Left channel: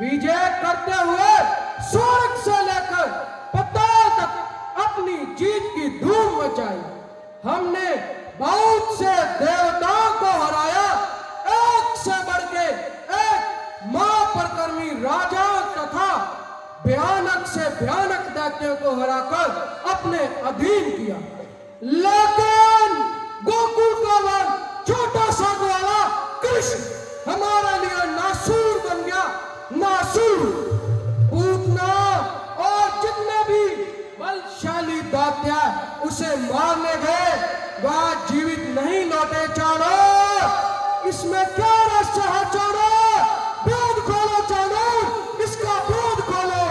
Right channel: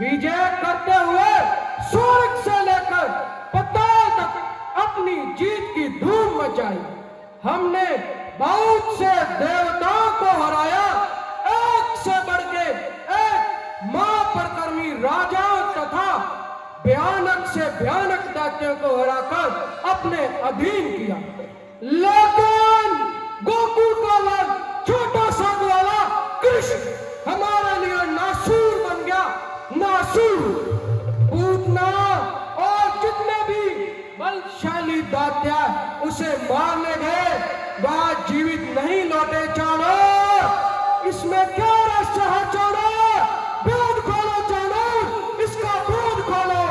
विजय करते हुए स्वर्ग से लेकर पाताल तक अपनी जीत की धूम मचाई। हमने बहुत से देवताओं को हराया, एक से बढ़ के एक महापराक्रमी राजाओं तथा भयानक से भयानक दैत्यों को हराकर अपने अधीन किया। लेकिन गोकुल का वन छोटा सा ग्वाला कृष्ण हमारे लिए नासूर बन गया। नासूर पूतना और जितने भी बलशाली दैत्य उसे मारने गए वह जीवित नहीं लौटे। चौड़ो इसमें क्या रहस्य है? चौड़ो भेद खोलो, चौड़ो इसका भेद खोलो।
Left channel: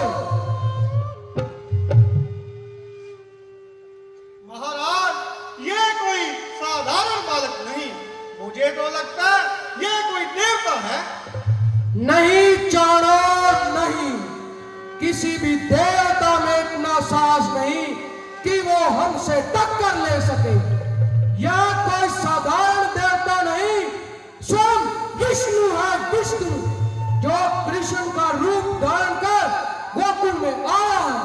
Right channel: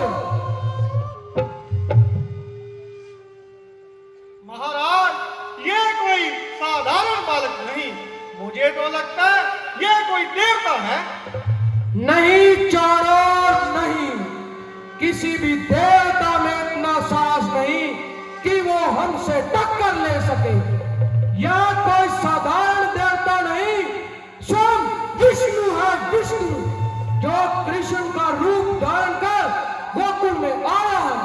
महाराज ये कोई साधारण बालक नहीं, मुझे तो लगता है ये कोई देवता है। नहीं चौड़ो नहीं, किसी भी देवता में इतना साहस नहीं कि वो हमसे टक्कर ले सके। यह कोई साधारण देवता नहीं, स्वयं विष्णु है। विष्णु जो कृष्ण का रूप धारण कर गोकुल में आया है।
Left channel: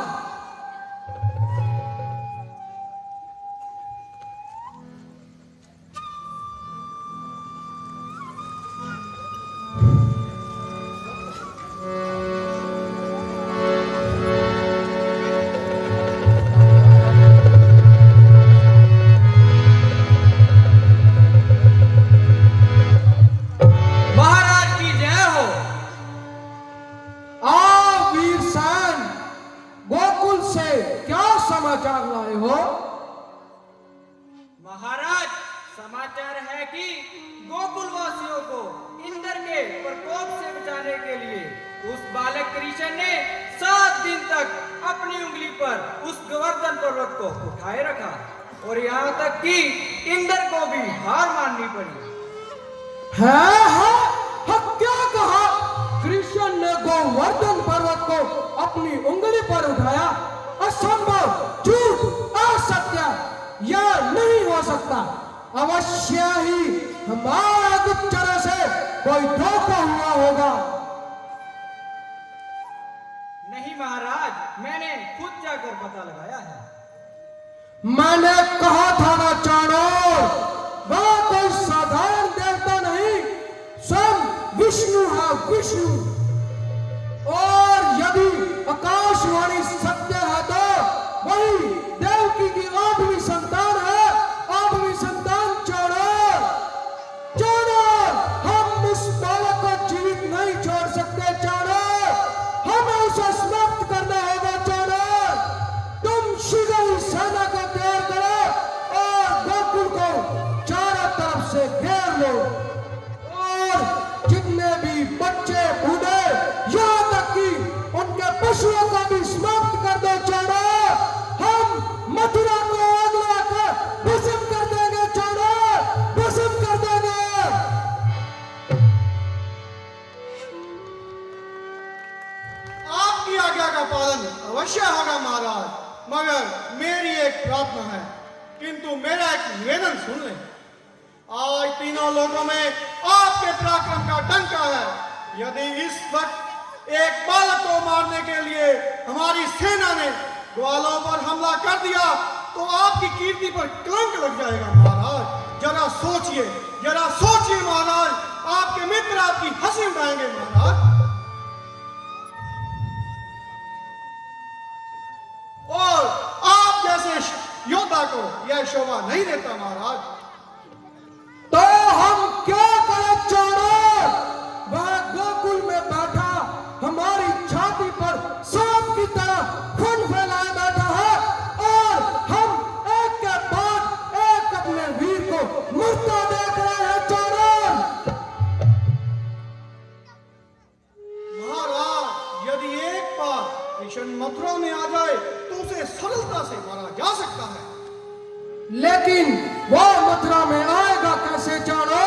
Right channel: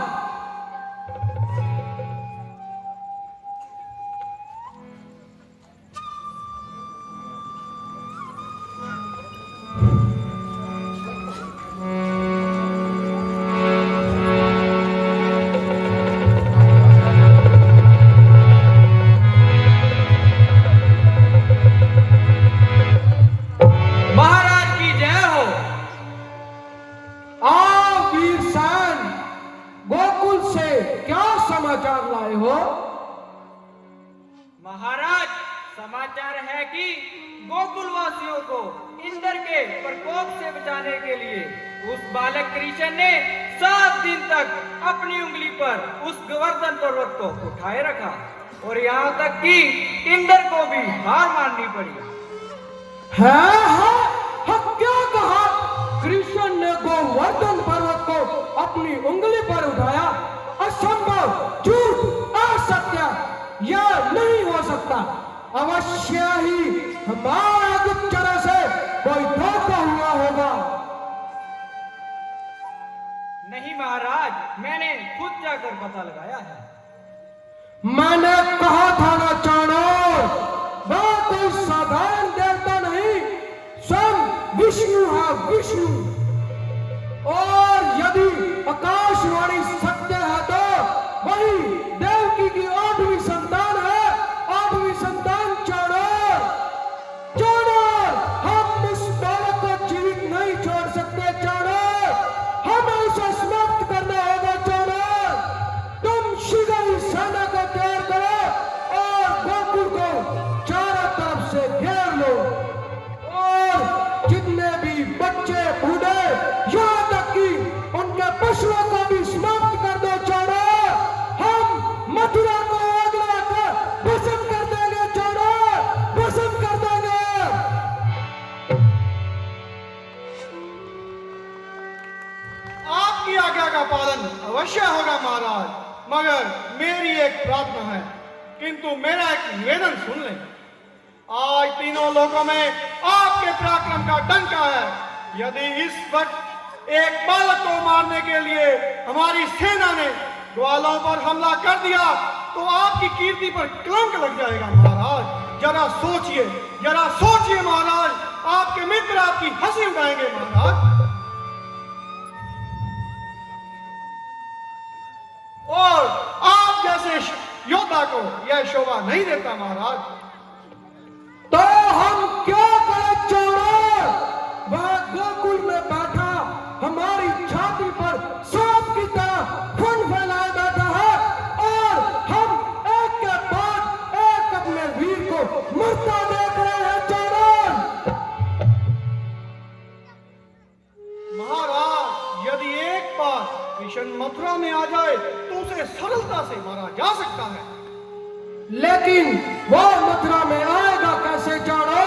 क्या समाचार लाए हो? महाराज समाचार है कि गोकुलवासियों को इंद्र के प्रकोप से बचाने के लिए उस बालक कृष्ण ने 7 दिन तक अपनी उंगली पर उस गोवर्धन पर्वत को उठाए रखा और यहाँ तक कि इंद्र को भी हार माननी पड़ी। है क्या कहा? कृष्ण ने गोवर्धन पर्वत को अपनी उंगली पर उठाया? असंभव, झूठ, असत्य, यह नहीं हो सकता। अवश्य ही हमारा गुप्तचर से कोई धोखा हुआ होगा। नहीं महाराज, मैंने खुद जाकर पता लगाया है। मैंने कहा था ना चाणो, वह कोई साधारण देवता नहीं, स्वयं विष्णु है। विष्णु, और यदि आकाशवाणी सत्य है तो वही देवकी की 8वीं संतान है। 8वीं संतान चाणो। चाणो, हम इस बालक को जीवित नहीं छोड़ सकते। चाणो, हमें उसे समाप्त करना होगा। चाणो, तुम शीघ्र ही सेना को तैयार करो और गोकुल को चारों तरफ से घेर लो और जितने भी बच्चे बूढ़े यहाँ तक कि उनके पशुओं को भी समाप्त कर दो। चाणो, हम मथुरा को आग लगाकर भस्म कर देंगे। चाणो, भस्म कर देंगे। आपकी आज्ञा का पालन अवश्य होगा महाराज, मगर मेरी एक प्रार्थना है, किंतु मेरा एक निवेदन सुन लें। आज तीनों लोगों में आपके पराक्रम का डंका है। यदि इस वक्त एक बालक को मारने के लिए हमारी सेना ने ग्वालों पर हमला कर दिया तो आपकी कीर्ति पर कलंक लग जाएगा महाराज। जरा सोचिए महाराज, आपके मित्र आपकी हंसी उड़ाएंगे महाराज। और आप जैसे योद्धा को यह शोभा नहीं देता महाराज। तो हम क्या करें चाणो? वह गोकुल में बैठा हमारी छाती पर सांप की तरह खून फैलाए बैठा है और हम एक के बाद एक अपने वीर को मरता देख रहे हैं। चाणो, महाराज यदि एक बार कृष्ण मथुरा में आ जाए तो उसे सरलता से मारा जा सकता है। लेकिन वो मथुरा में आएगा कैसे? चाणो,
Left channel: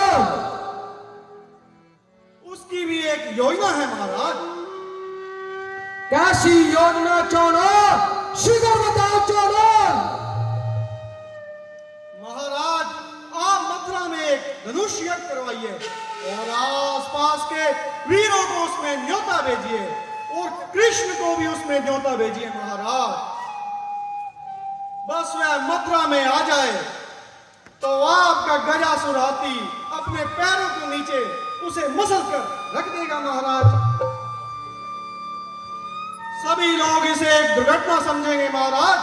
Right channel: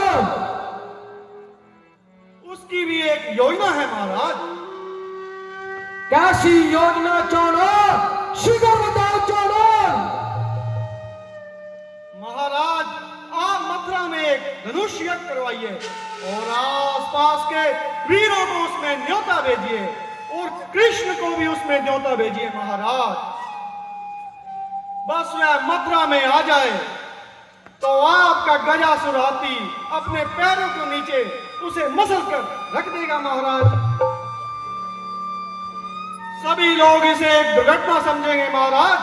उसकी भी एक योजना है महाराज। कैसी योजना? चाणो, शीघ्र बताओ। चाणो, महाराज आप मथुरा में एक धनुष यज्ञ करवाइए और आस आसपास के वीरों को उसमें न्योता भेजिए और कृष्ण को भी उसमें न्योता भेजिए महाराज। बस वह मथुरा में आ जाए तो आपका गजासुर हाथी अपने पैरों के नीचे उसे मसल कर रख देगा महाराज। सभी लोग इसे एक दुर्घटना समझेंगे महाराज।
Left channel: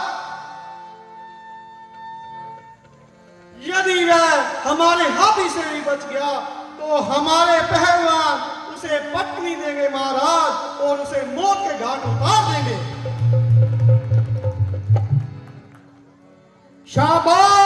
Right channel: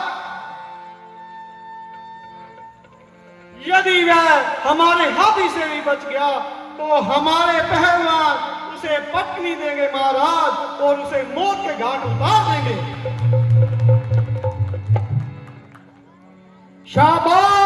यदि वह हमारे हाथी से भी बच गया तो हमारे पहलवान उसे पटकनी देंगे महाराज और उसे मौत के घाट उतार देंगे। शाबाश।